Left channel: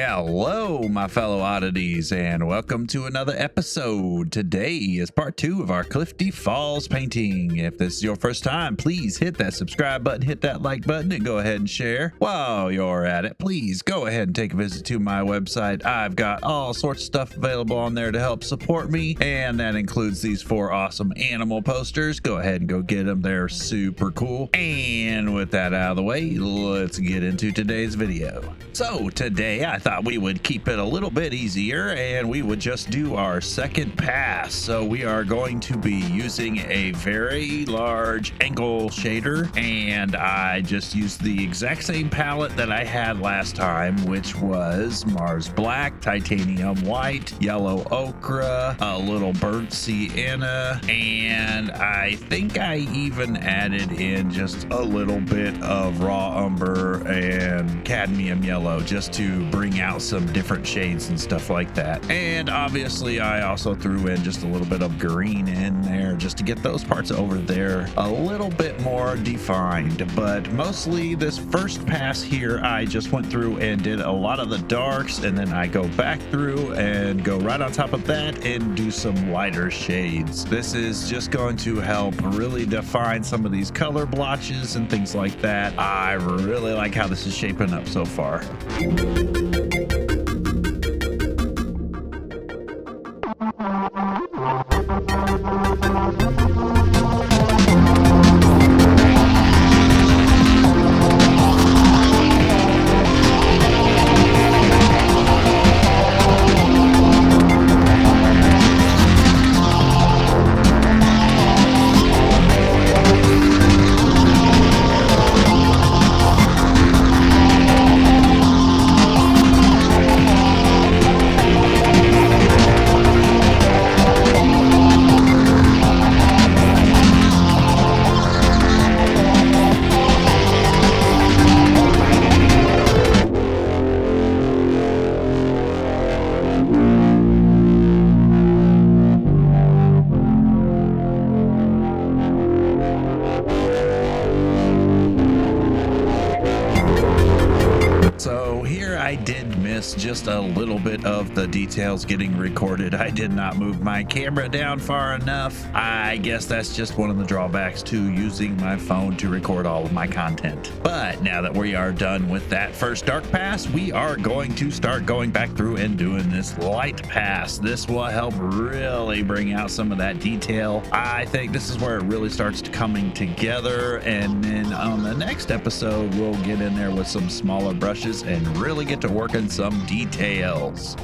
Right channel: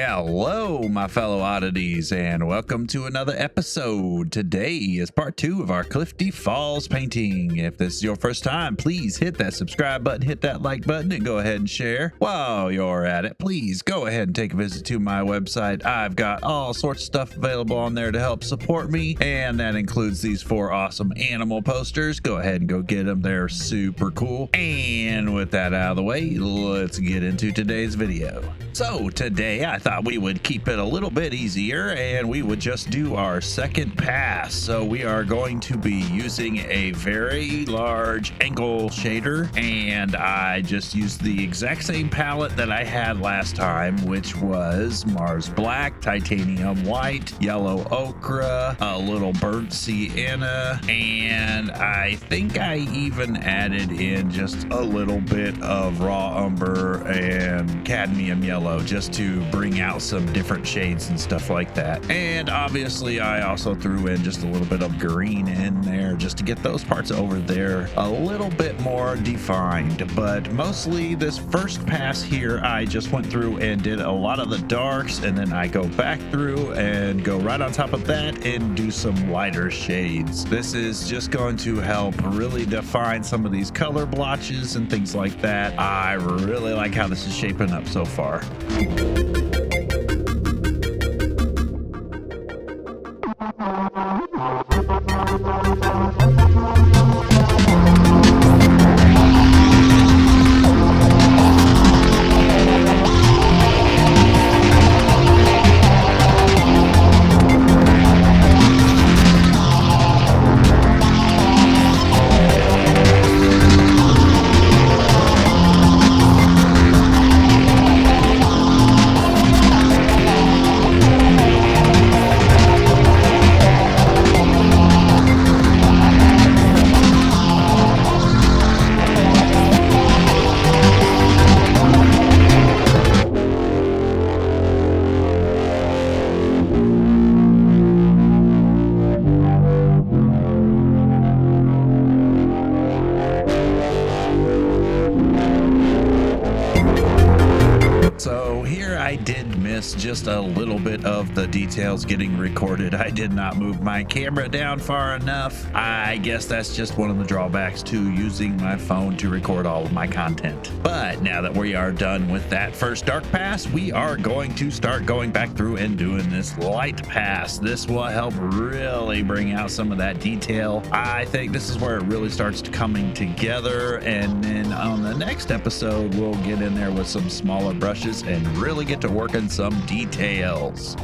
Hello, my fellow oddities, and welcome to another episode. Today is part 2 of our Clifty Falls painting. If this is your first time, please hit that subscribe button, hit that like button, and go ahead and share. While you're at it, please go ahead and take a visit to my website. I've got all sorts of stuff available on there to help support me, and that includes these 4 awesome animal posters. Go ahead and go get them. They're super cool. And with that out of the way, let's get into today's video. So today I thought we would keep it a little bit easier and we would just do our second pass. So we are going to be using a very large angle shader, and I just used the exact same palette that I had last time, which was Mars Black, Titanium White, Yellow Ochre, a little burnt sienna, and I think I even added in just a little bit of raw umber and cadmium yellow just to bring out some different shades and stuff like that. And obviously I also threw in just a little bit of green in there just to get those parts over there a little bit more defined. But mostly this first pass here, I just went through and did a lot of the darks, and then I go back through and go right on top of that and do some lighter shades. This is just going to help really define some of these color blotches and things like that. I really like how this is shaping up so far. So here I did miss just a little bit of the details getting recorded. I did not move my camera down far enough. I guess that's just one of the drawbacks to using my phone to record all of my content. But now that we are done with that first dark pass, we are going to start going back through and doing this light pass. This will help really bring out some of that detail. I think this is where it really starts coming together, and then on the next episode we'll get in there with some smaller brushes and really get to work on some details.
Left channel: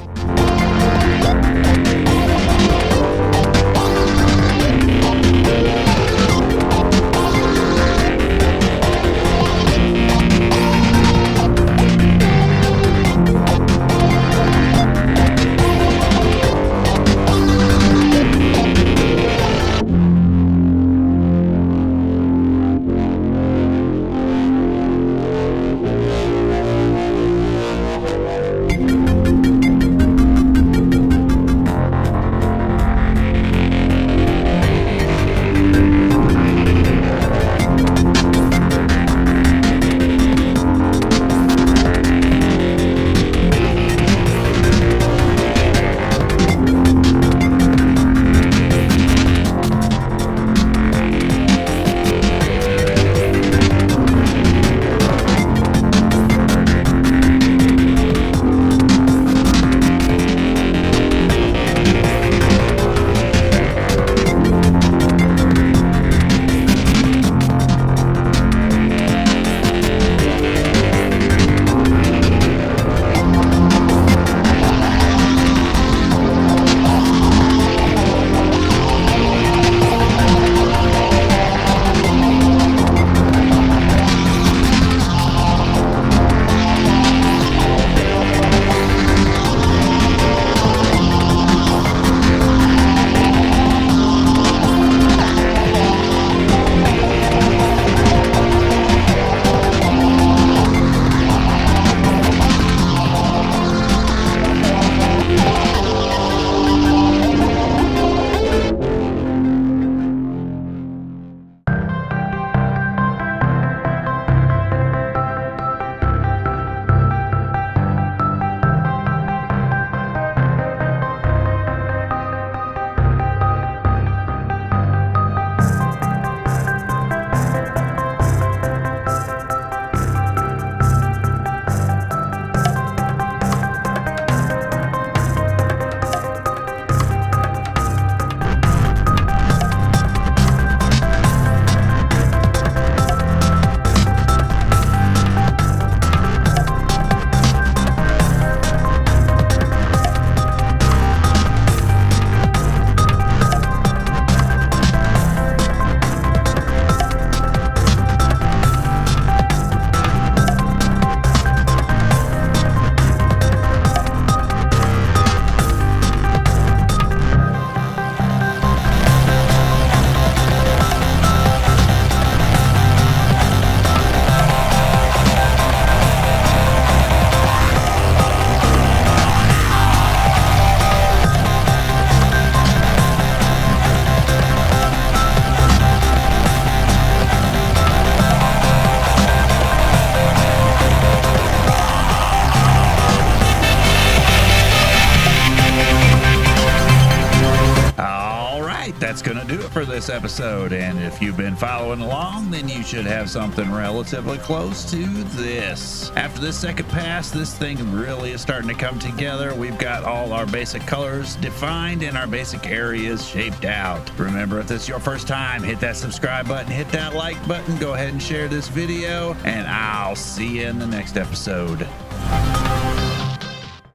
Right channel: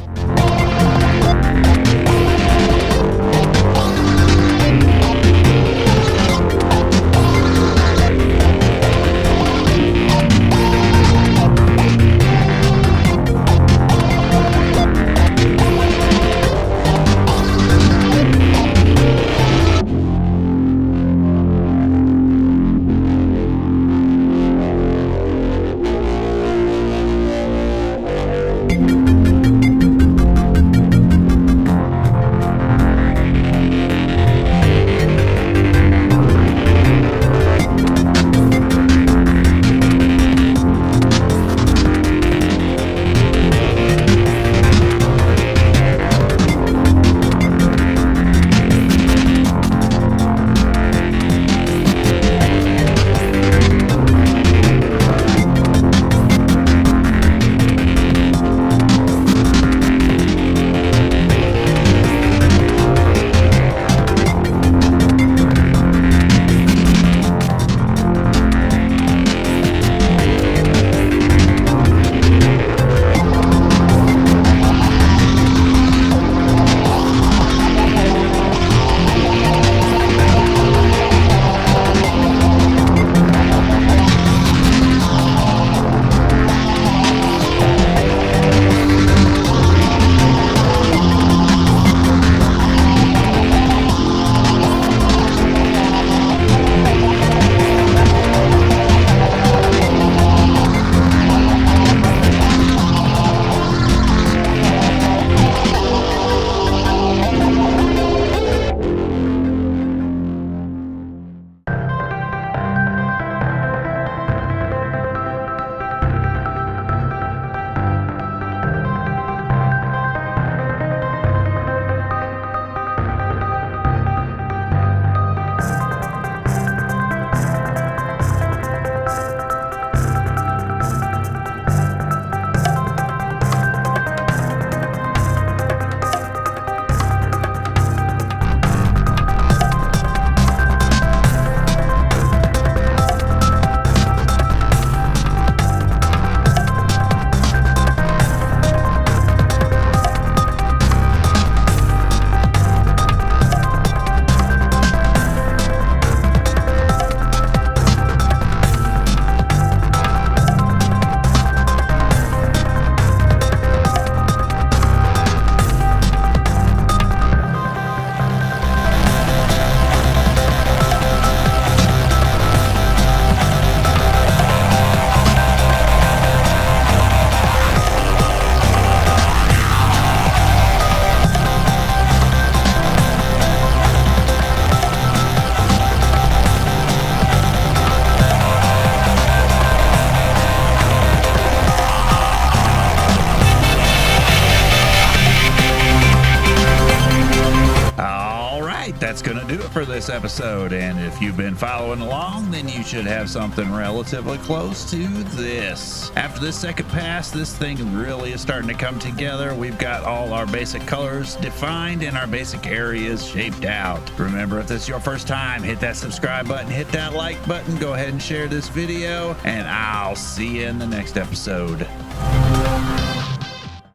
right, that's going to do it for this episode. And if you've been following along, then you should have something relatively close to this. After this second pass, this thing really is starting to come together. We've got all our basic colors defined and our basic areas shaped out. Remember, if this is your first time, hit that subscribe button, hit that like button, go ahead and share this video, and I'll see you in the next episode.